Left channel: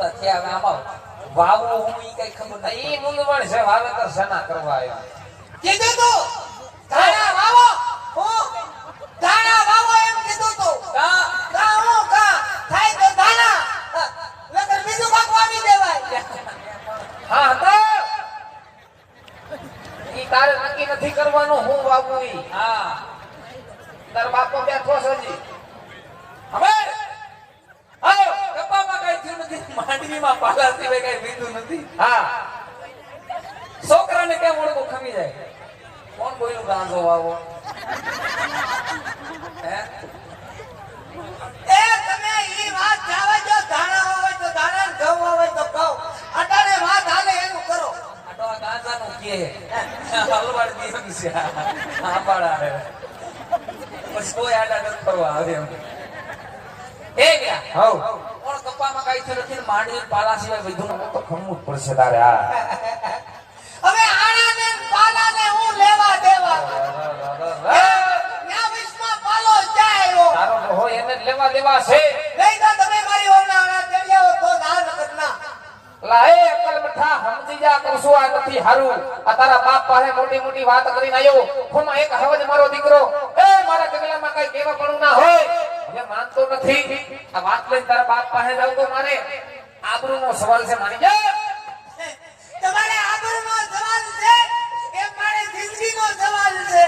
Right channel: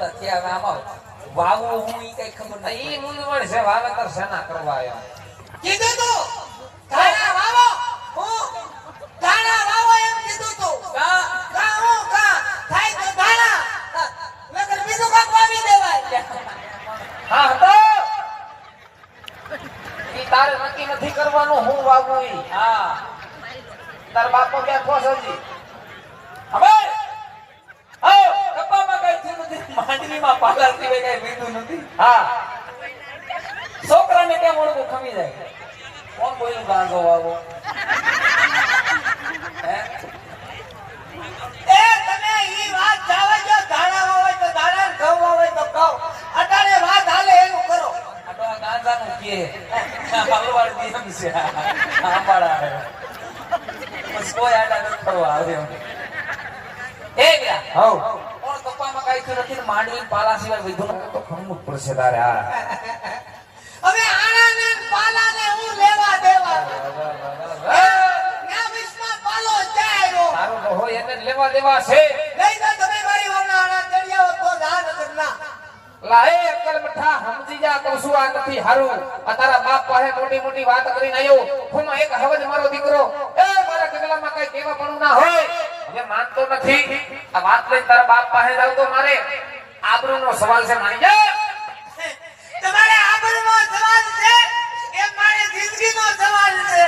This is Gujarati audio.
મોટા થયા હવે આમાં વાવો હું ઈ કઈ ખબર નથી. ઈ મૂંગવણ છે વાવેતર શેના કરવા આવ્યા કીધું તું ધાણા વાવો હું ધાણા વાવો એમ કીધું તું કા કા હું કા થાય તો ધાણા નકર બીજું કાક વાવી દેવાય. હા તો ઈ તારે નક્કી નથી કરવાનું હું વાવું ઈ હા તાર બાપો બેઠો છે હજી હવે આવ કપામાં કઈ થયું નથી માંડવીમાં પાલા સિવાય કઈ લીધું નથી. હા છોકરાને કેમ ઓળખો ખમી જાય કોણ બોલ્યું ગાંજો વાવો હે એ તમે ઈ વાત જાવે જો ધાણા હોય તો ધાણા ને ઘઉં હોય તો ઘઉં અટાણે વાત હાલે એવું કરો. આટો ગાંજાનું કે હલવાડ દીમ છે આંબાડા બસ કોઈ આડા નથી કરવા આવે એમ. એ ગયા હઉ કોણ કપામાં કઈ થયું નથી માંડવી પાલા સિવાય બધું તો ખમવું જ પડશે તારે હા હવે આણા ને પાલા ને હું લેવા દેવા ન્યા વિશ્વમાં પાલો જાય આવ્યો. તારો તો હોય એને જ લેવા દેવા છે લઈ જા તમે મારી ઓમના આણા ચડી આવો તો જા નકર ના. લાએ અકલ મઠા સમજી જા કહું છું આ નથી હારું આ તારા બાપ પાસે મોટી મોટી વાત કરીને આવ્યો ખોમાં એક હવજ મારો દીકરો એ મારા ગગલામાં કઈ કેવા પણ ના હોય એ માનતો નથી આ વાત લઈને તારા બાપ પાસે જાવ તો મારે આબરૂનો સવાલ છે માની જા તમારે આબરૂનો સવાલ છે એ મારી જિંદગીનો સવાલ છે.